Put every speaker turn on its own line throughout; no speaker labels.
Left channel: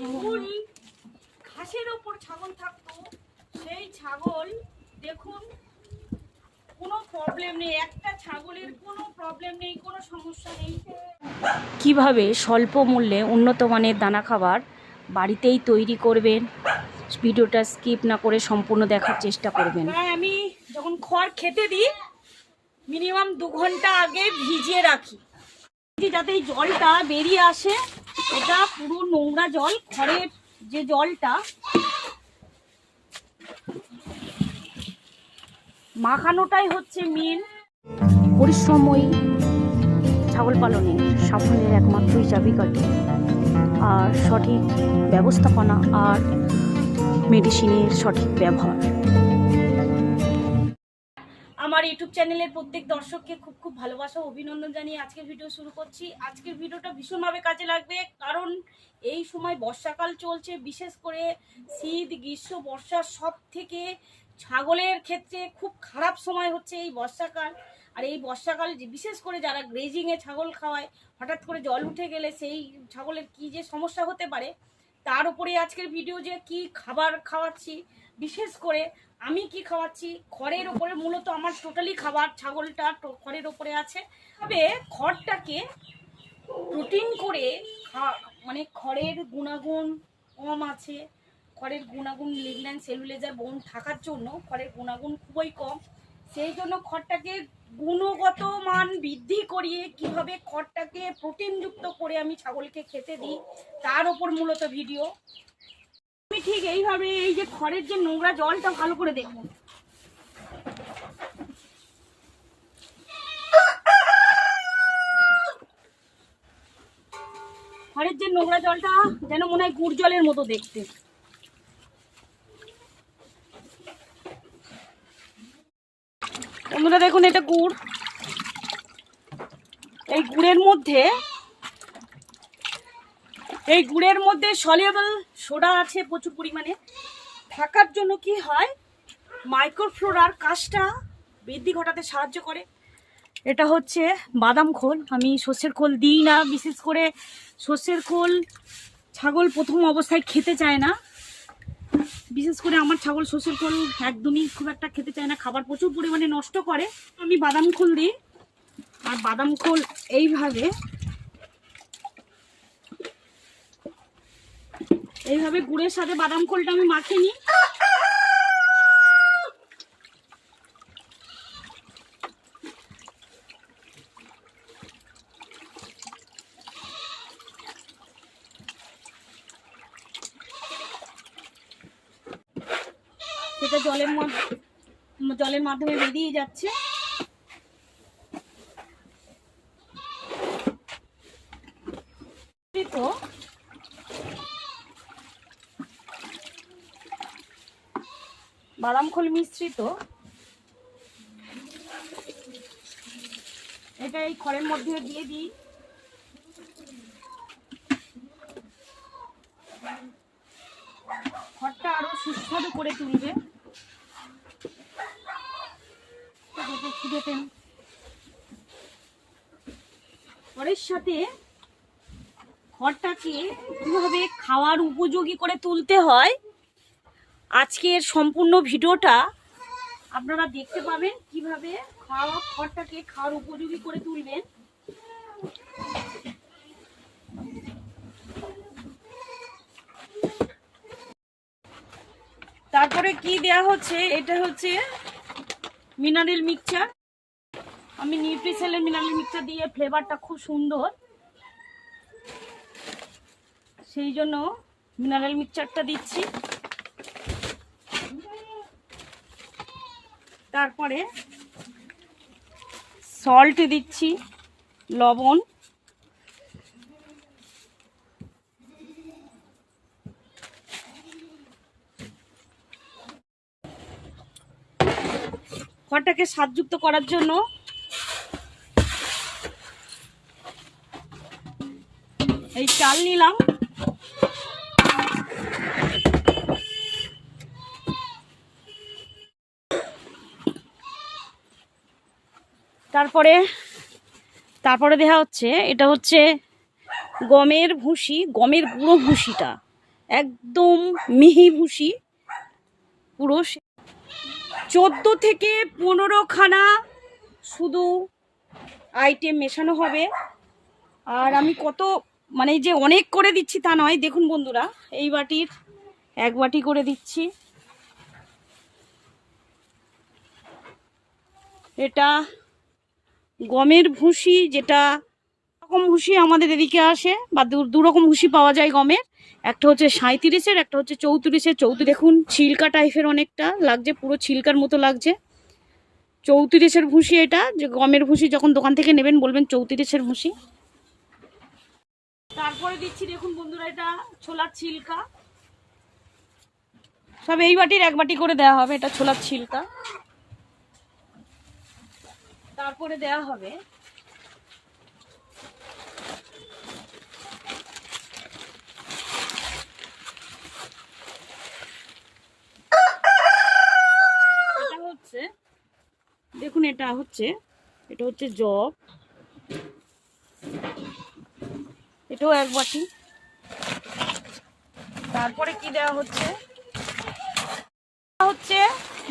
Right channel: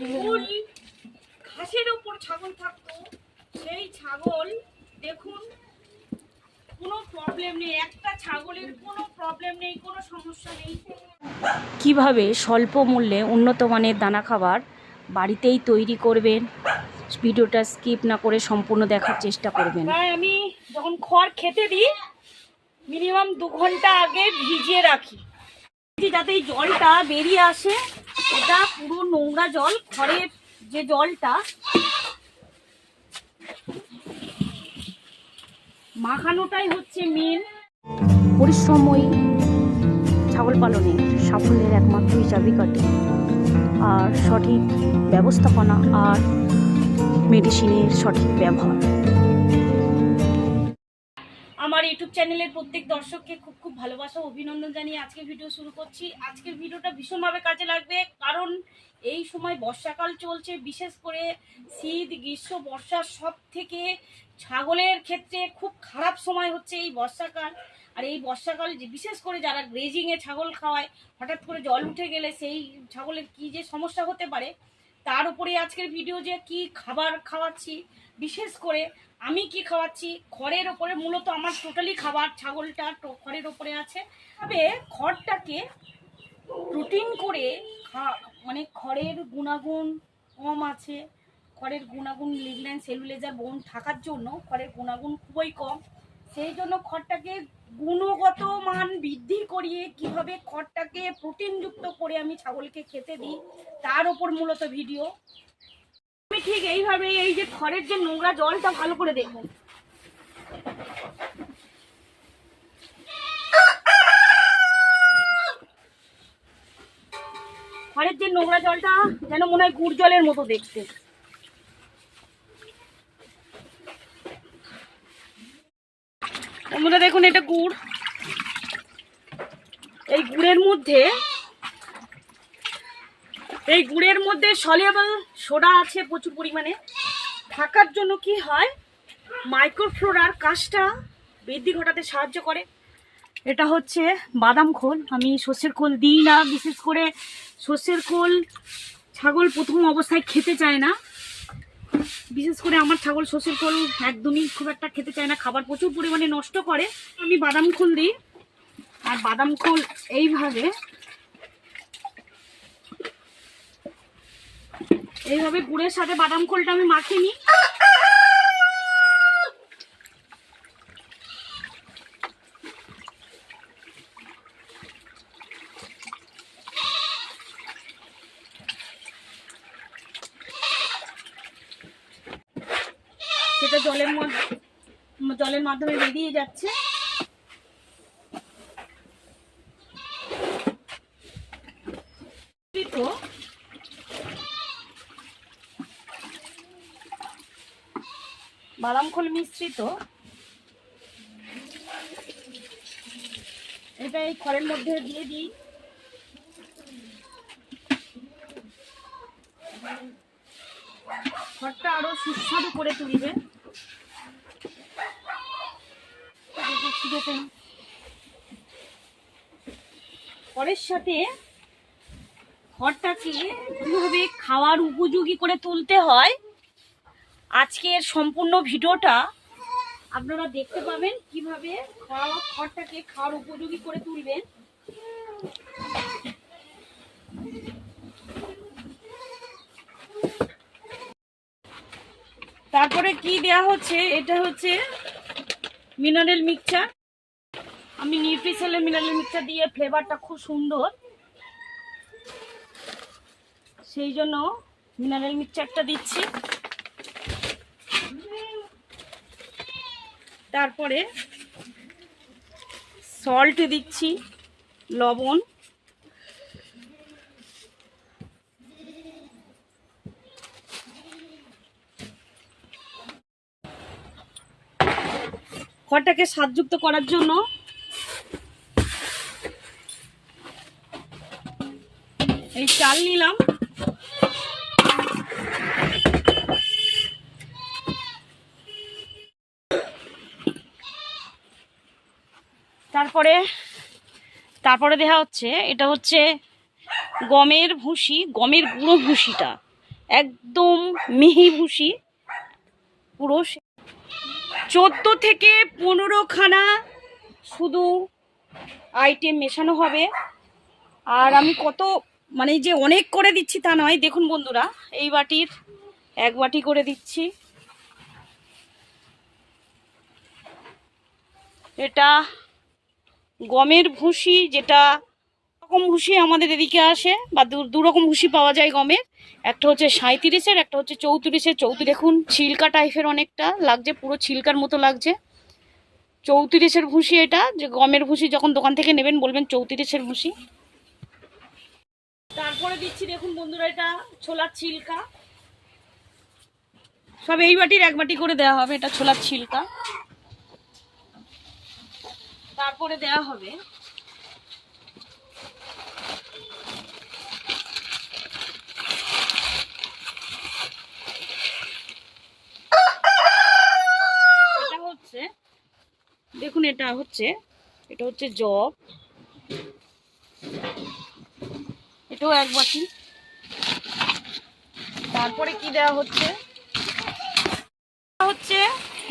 ফুল ঘাসের ওপর ছাগল থাকতো সেই ছাগল দেখুন কোনো প্রবলেম নেই একটা ছাগলের কোনো প্রবলেম নেই কোনো সমস্যা নেই।
কীভাবে স্বল্প মূল্যে উন্নত মানের দানা খাবার বাড়িতেই তৈরি করবেন? ভিডিওটা স্কিপ না করে সম্পূর্ণ দেখার চেষ্টা করবেন।
আমি যখন খড় খেতে দিই মিনিমাম দু ঘণ্টা আগে ভিজিয়ে রাখি। যাতে এই জলটা বেরিয়ে আসে। এটা পুরো নোংরা জল খড়ের যে জলটা মাখানোটাই হচ্ছে মেন
পরিশ্রমই ছাগল পালনে সাফল্যের একমাত্র চাবিকাঠি আর সঠিক ব্যবস্থাপনা আর মেডিসিনের সঠিক ব্যবহার।
আমার ইউটিউব চ্যানেলের প্রত্যেক দর্শককে খুব খুব ভালোবাসা অভিনন্দন জানিয়ে আজকে ভিডিও শুরু করছি। আজকের ভিডিওটা ভীষণভাবে কাজে লাগবে, কারণ এই সময় বর্ষাকাল চলছে, বিশেষ করে শীত, গ্রীষ্ম, বর্ষা সব থেকে ছাগলের ক্ষেত্রে খুব খারাপ সময় হচ্ছে এই বর্ষাকাল। আর এই বর্ষাকাল যে বিশেষ করে যারা গ্রেজিংয়ে ছাগল খাওয়ায়, হঠাৎ করে জল উঠে গেলে সেই ছাগলের কি যে সমস্যা হতে পারে তার উপরে আজকের ভিডিও যে কি খাবার খাওয়াচ্ছি, বিশেষ করে আমি কি খাওয়াচ্ছি, খড়ের ওপরে মূলত আমার টোটালি খাবার, ছাগলটা খড়ের ওপরে আছে। তবে খড়টাকে প্রোটিন করে মানে খড়ের গুণাগুণ কম আছে। খড়ের গুণাগুণ লিগন্যান সেলুলেজার বোন থাকার জন্য খড়ের গুণাগুণ খুবই কম। সেই জন্য খড়টাকে গুণগত মান বৃদ্ধি করিয়ে কীভাবে খড়টাকে প্রোটিনযুক্ত করে আমি ছাগলকে খেতে দিই, তার ওপর মূলত ভিডিও। আমি ঠিক এইভাবে এই যে খড়ের যে নোংরা জলটা ভালো করে দেখুন খড়ের যে নোংরা জলটা যেন মনে হয় গুড় জলের মতো দেখতে। বন্ধুরা দেখুন, এটা গুড়। এই গুড়ের মধ্যে, এই গুড়ের মধ্যে সলিয়েবল সোডা আছে প্রচুর পরিমাণে। থাকার জন্য কি হয় মাইক্রোফ্লোরার কাজটা বৃদ্ধি ঘটাতে সাহায্য করে। এটা হচ্ছে বাদাম খোল। আমি সর্ষের খোল দিই না, বিশেষ করে সর্ষের খোল ছাগল প্রথম অবস্থায় খেতে চায় না। বিশেষ করে আমার ছাগল শ্বশুর খোল একদমই খুব একটা খেতে চায় না, খাবার প্রচুর পরিমাণে নষ্ট করে। আমি বাদাম খোল দিই। আর বাদাম খোল এইভাবে এইভাবে গুড়ের সাথে বাদাম খোলটা আমি মাখিয়ে নিই। সেটা জলের জলের মাধ্যমে বেরিয়ে যাচ্ছে। বাদাম খোল মিশ্রিত। এটা এই খড়ের মধ্যে দিয়ে দিই। খড়টা আরও সুস্বাদু করে তুলবে। খড়ের সাথে খড়টাকে কীভাবে খাওয়ার উপযোগী করে তুলতে হয়, আজকের সম্পূর্ণ ভিডিওটা আপনারা দেখতে পাবেন কীভাবে খাওয়া খড়টাকে খাওয়ার উপযোগী করে তুলবেন। তারপরে কি দেয়া হচ্ছে? এটা হচ্ছে মিনারেল মিক্সচার। আমি নিউট্রিসেলের মিনারেল মিক্সচার দিয়ে ফ্লেভারটা খুব সুন্দর। সেই জন্য মিনারেল মিক্সচারটা দিচ্ছি। তারপরে সল্ট দিচ্ছি, লবণ। খড়টাকে স্বাদযুক্ত করার জন্য এই চাল নিলাম। তারপরে তারপরে দেখা হচ্ছে, এটা হচ্ছে গমের ভুসি, গমের গুঁড়ো ভুসিটা। একদম মিহি ভুসি, পুরো চোদ্দ থেকে পনেরো খানা শুধু আইটেম মেশানো হবে। আর আমি কত মানে যে অনেক করে দিচ্ছি তা নয়, দেখুন বন্ধুরা, এই বাটির এক বাটি করে দিচ্ছি। এটা গমের ভুসি, যেটা রকম ভুসি আমাদের এদিকে আসে, বা দু রকম ভুসি পাওয়া যায় গমের। একটা হচ্ছে সাঁত্রিশের একটা হচ্ছে চৌত্রিশের। চৌত্রিশ দেখুন, ছিলকা টাইপের অনেকটা লাগছে, পুরো ছিলকার মতো লাগছে। চৌত্রিশের ভুসি এটা, যে গমের ভুসি যখন দোকান থেকে নেবেন বলবেন চৌত্রিশের ভুসি তারপরে দিচ্ছি দেখুন বন্ধুরা এটা ছোলার ছিলকা। সব এই বাটির এক বাটি করে দেওয়া হবে, এটা ছোলার ছিলকা। তারপরে দেওয়া হবে এটা হচ্ছে দেখুন এটা হচ্ছে এটা হচ্ছে জব। এটাও এক বাটি। তারপরে কি দেওয়া হচ্ছে? হচ্ছে,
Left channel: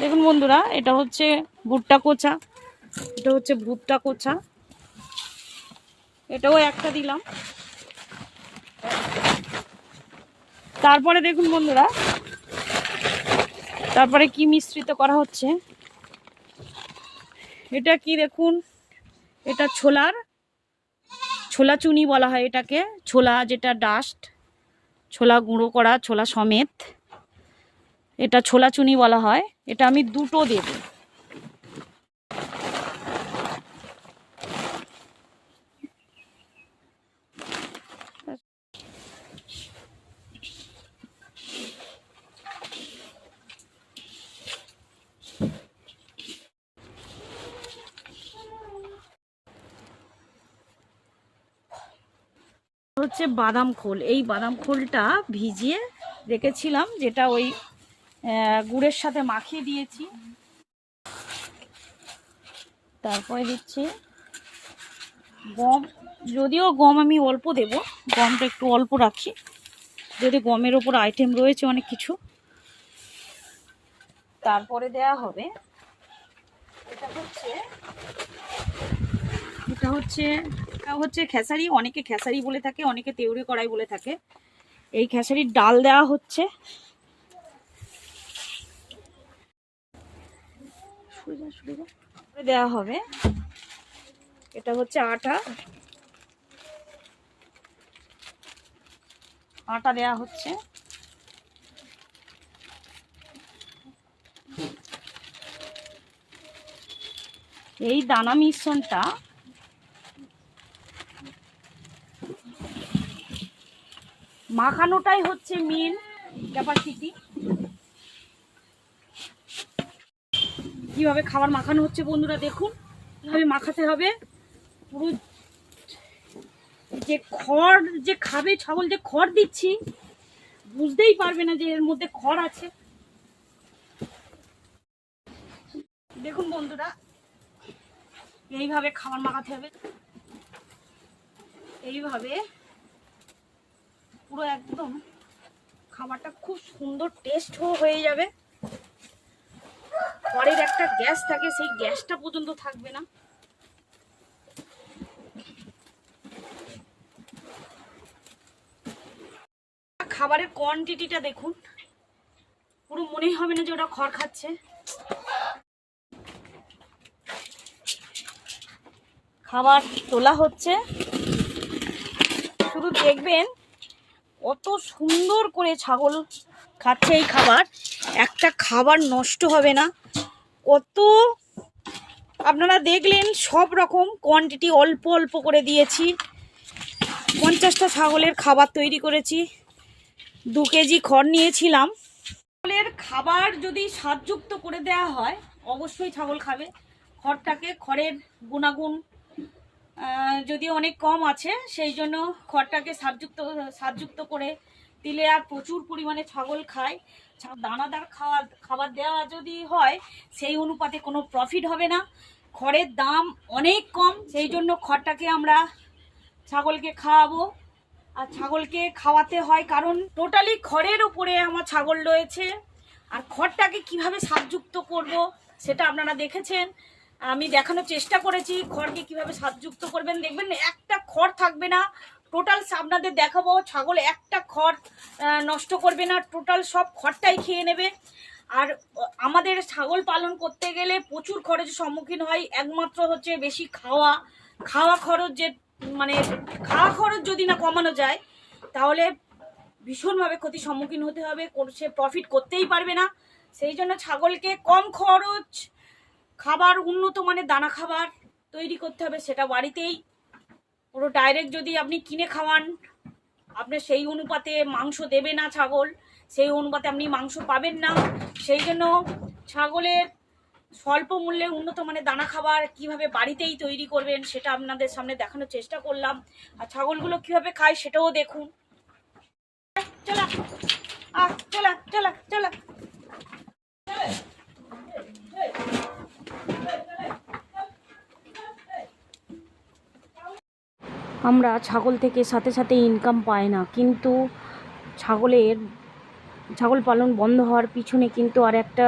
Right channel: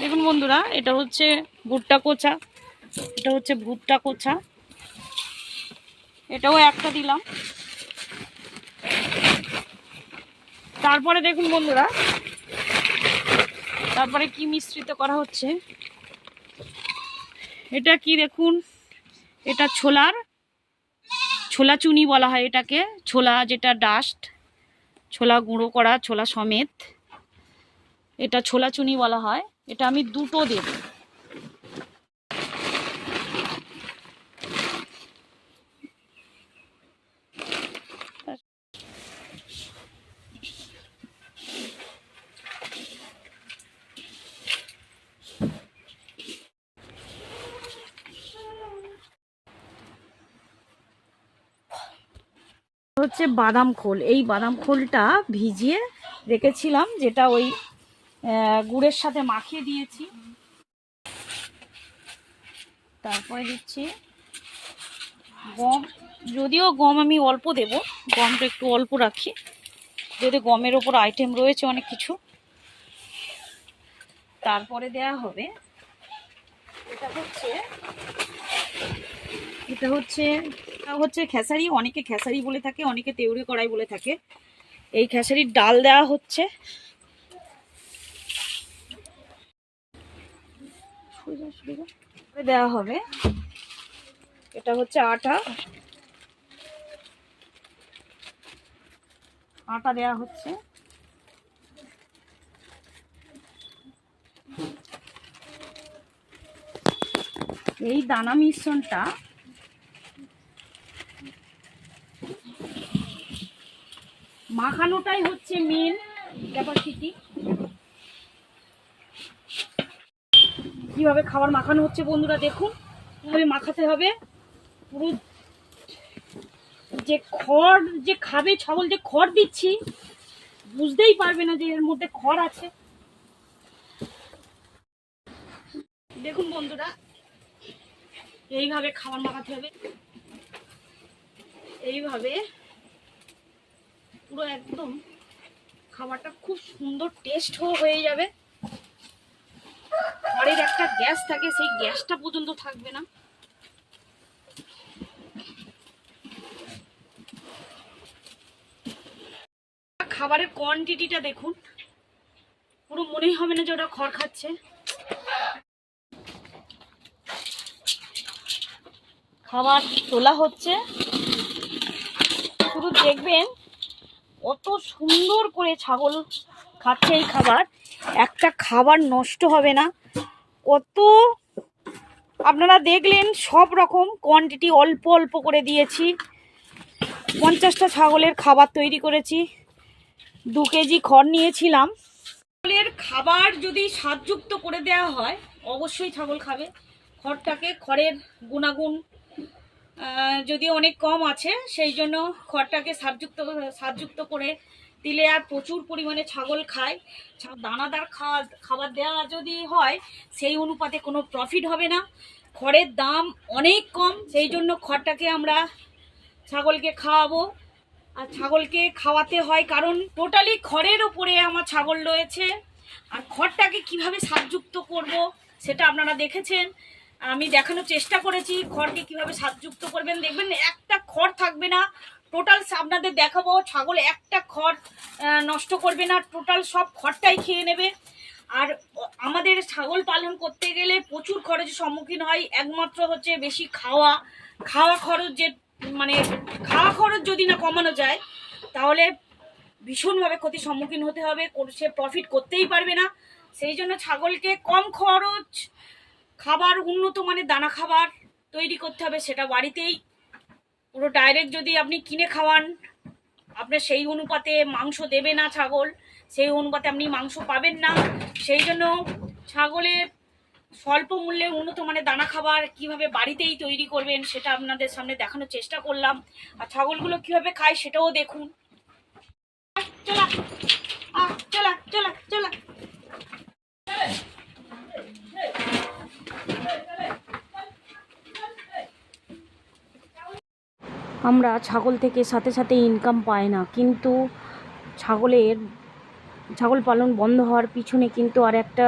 দেখুন বন্ধুরা, এটা হচ্ছে ভুট্টা কোচা। এটা হচ্ছে ভুট্টা কোচা। এটাও একটা দিলাম। তারপরে দেখুন বন্ধুরা, তারপরে কি মিশ্রিত করা হচ্ছে? এটা কি দেখুন? এটা ছোলার, ছোলা চুনি বলা হয় এটাকে। ছোলা যেটা ডাস্ট ছোলা গুঁড়ো করা, ছোলা সমেত। এটা ছোলা চুনি বলা হয়। এটা আমি দুটো দেব। হচ্ছে বাদাম খোল। এই বাদাম খোলটা ভিজিয়ে রেখেছিলাম, যেটা ওই গুড়ের সাথে মাখিয়ে দিয়েছি। তারপরে দিচ্ছি গম। যদিও গম আমি অল্প দেব, গমটা একটু অল্প রাখি। যদি গমের ওপর আইটেম রয়েছে অনেক কিছু। তারপরে দেয়া হবে, এটা হচ্ছে এটা হচ্ছে হচ্ছে খেসারি, অনেকে খেসারি বলে থাকে, অনেকে তেউরে কড়াই বলে থাকে। এই খেসারির ডাল দেওয়া হচ্ছে। দেওয়া হবে। এটা হচ্ছে আটা। আটা দেওয়া হচ্ছে। এই দানা মিশ্রণটা মাখানোটাই হচ্ছে মেন ক্যাপাসিটি কীভাবে খাবার মাখানো হচ্ছে বন্ধুরা দেখুন। কীভাবে মাখাতে হবে। পুরো যে খড়, যে খাবে ছাগল, যে খড় দিচ্ছি, বুঝতেই পারবে না যে এর মধ্যে খড় আছে। দেখুন বন্ধুরা, এইভাবে খাবার মাখাতে হবে। এইভাবে পুরো একদম খাবারটা খুব সুন্দর টেস্ট হয়ে যাবে। খড়ের একটা গ্যাস থাকে, সেই গ্যাসটা পর্যন্ত থাকবে না। খাবারের কোয়ান্টিটিটা দেখুন। পুরো মনেই হবে না যে ওটা খড় খাচ্ছে। খাবার তোলা হচ্ছে। শুধু দেখবেন কত সুন্দর করে ছাগল খাচ্ছে এই খাবার। একটা খাবার নষ্ট হবে না। কত আপনারা দেখলেন সব রকম কোয়ান্টিটি অল্প অল্প করে দিয়েছি। পঞ্চাশটা ছাগলের খাবার তৈরি করেছি। দু কেজি খড় নিয়েছিলাম। ছাগলের খাবার যদি স্বাদযুক্ত করে দেওয়া হয়, অবশ্যই ছাগল খাবে। খড়টাকে খড়ের গুণাগুণ আহ, যদি অনেক কম আছে সেই জন্য খড়টাকে সারযুক্ত সারযুক্ত করে দিলে আর প্রচুর পরিমাণে ছাগল খায়। দানাদার খাওয়া খাবার দেওয়া যদি হয় সেই অনুপাতে কোনো প্রফিট হবে না। খড়ের দাম অনেক কম সেই জন্য খড়টাকে আমরা ছাগলকে খাওয়াবো। আর ছাগলকে খাওয়াতে হয় কারণ টোটালি খড়ের ওপরে আমার ছাগল রয়েছে। আর খড়টাকে কীভাবে সাবযুক্ত করব সেটা আপনারা দেখেছেন। আমি দেখানোর চেষ্টা করেছি, খড়কে কীভাবে সাবযুক্ত করবেন দেখবেন, একটা খড় থাকবে না। টোটাল আপনাদের দেখাবো, ছাগল একটা খড় নষ্ট করবে না। টোটাল সব খড়টাই খেয়ে নেবে। আর আমাদের ছাগল পালন করতে গেলে প্রচুর খরচের সম্মুখীন হয়। একমাত্র হচ্ছে বেশি খাওয়া। খাওয়া খরচ যে মানে খাওয়া খরচ যদি না কমানো যায়, তাহলে ভীষণভাবে ক্ষতির সম্মুখীন হতে হবে। সে প্রফিট করতেই পারবে না। সেই জন্য ছাগলকে কম খরচ খাবার, উন্নত মানের দানা খাবার তৈরি করতে হবে সেটা বাড়িতেই। পুরো ডাইরেক্ট যদি আপনি কিনে খাওয়ান আপনার সেই অনুপাতে মাংস দেবে না ছাগল, সেই অনুপাতে আপনি মাংস পাবেন না। সেই জন্য ছাগলের স্বল্প মূল্যে উন্নত মানের দানা খাবার কীভাবে বাড়িতেই তৈরি করবেন সেটা আপনাদের সামনে দেখানোর চেষ্টা করলাম। আর ছাগলগুলো কীভাবে খায় সেটাও দেখুন আহ, চলা চলা চলা
আমরা ছাগল থেকে সাথে সাথে ইনকাম পাই না। কিন্তু ছাগলের, ছাগল পালন বন্ধ হওয়ার পিছনে কিন্তু আর একটা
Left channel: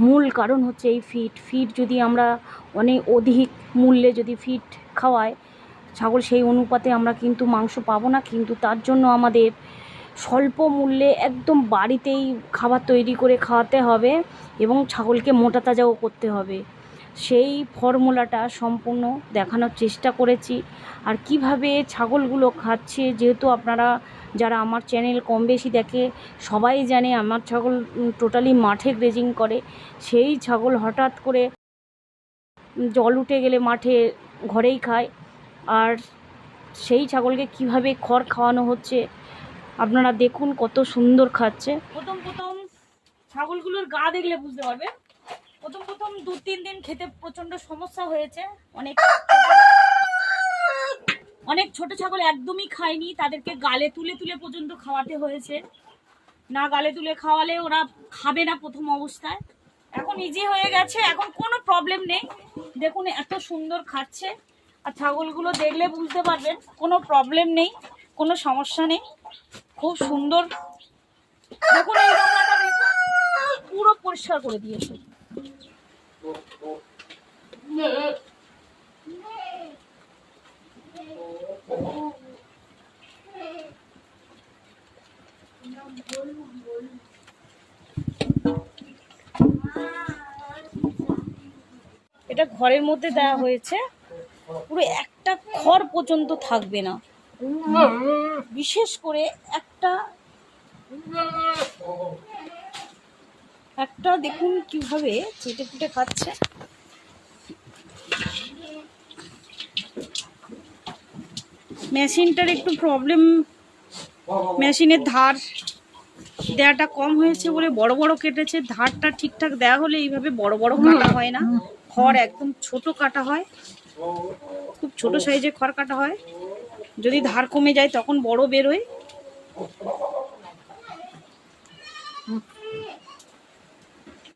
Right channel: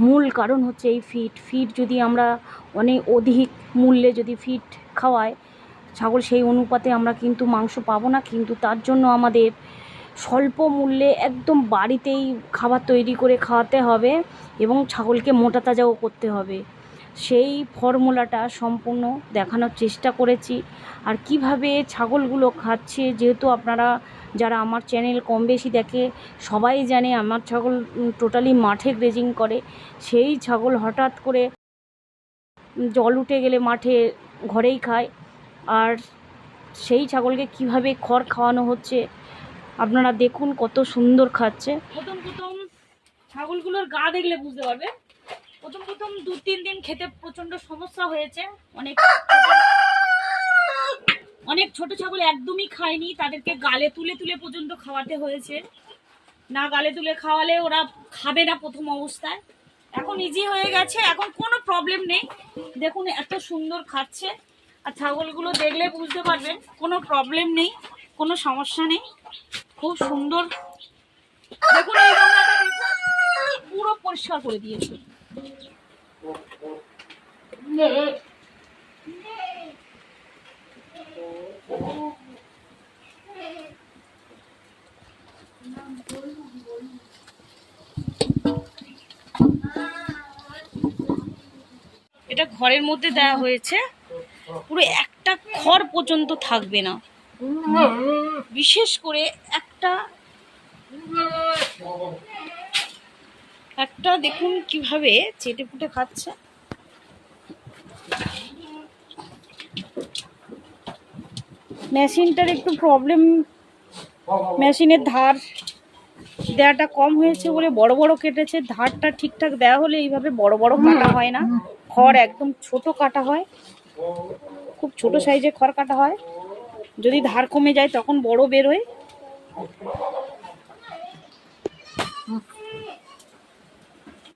মূল কারণ হচ্ছে এই ফিড ফিড যদি আমরা অনেক অধিক মূল্যে যদি ফিড খাওয়াই, ছাগল সেই অনুপাতে আমরা কিন্তু মাংস পাবো না। কিন্তু তার জন্য আমাদের স্বল্প মূল্যে একদম বাড়িতেই খাবার তৈরি করে খাওয়াতে হবে এবং ছাগলকে মোটা তাজাও করতে হবে। সেই ফর্মুলাটা সম্পূর্ণ দেখানোর চেষ্টা করেছি। আর কীভাবে ছাগলগুলো খাচ্ছে, যেহেতু আপনারা যারা আমার চ্যানেল কম বেশি দেখে, সবাই জানে আমার ছাগল টোটালি মাঠে গ্রেজিং করে। সেই ছাগল হঠাৎ করে জল উঠে গেলে মাঠে ঘরেই খায়। আর সেই ছাগলকে কীভাবে খড় খাওয়ানো হচ্ছে, আপনারা দেখুন কত সুন্দর খাচ্ছে।
প্রথম প্রথম ছাগলগুলোর গা দেখলে বুঝতে পারবে প্রথম প্রথম দু, তিন দিন খেতে প্রচণ্ড সমস্যা হয়েছে। অনেক অনেক ছোট ছাগল একদমই খায়নি, তাদেরকে গালে তুলে তুলে পর্যন্ত খাওয়াতে হয়েছে। না গালে তুলে খাওয়ালে ওরা খাবে না প্রথম অবস্থায়। এখন ইজি হয়ে গেছে, এখন কোনো প্রবলেম নেই। দেখুন এত সুন্দর খাচ্ছে, আর ছাগলগুলো দেখলে বুঝতে পারবেন, কোনো প্রবলেম নেই, কোনো সমস্যা নেই। খুব সুন্দর। দেখুন, পুরো পরিষ্কার করে দিয়েছে। এটা ঘরের মধ্যে দেওয়া হয়েছে। পুরো একটা খড় পর্যন্ত থাকবে না। বিশেষ করে একটা একটা দেখুন কীভাবে চেটে ফুটে খাচ্ছে। মেশিনটার একটু প্রবলেম মেশিনের ধার দেওয়াটা কম হয়েছে বলে বড় বড় কেটেছে। ধারটা ঠিকঠাক দেওয়া হলে এইভাবে বড় বড় কাটা হয় না। খড় একদম ছোট কাটা হয়। খুব ছোট সাইজে খড় কাটা হয়। যদি ধার কমে যায় তখন বড় বেরোয়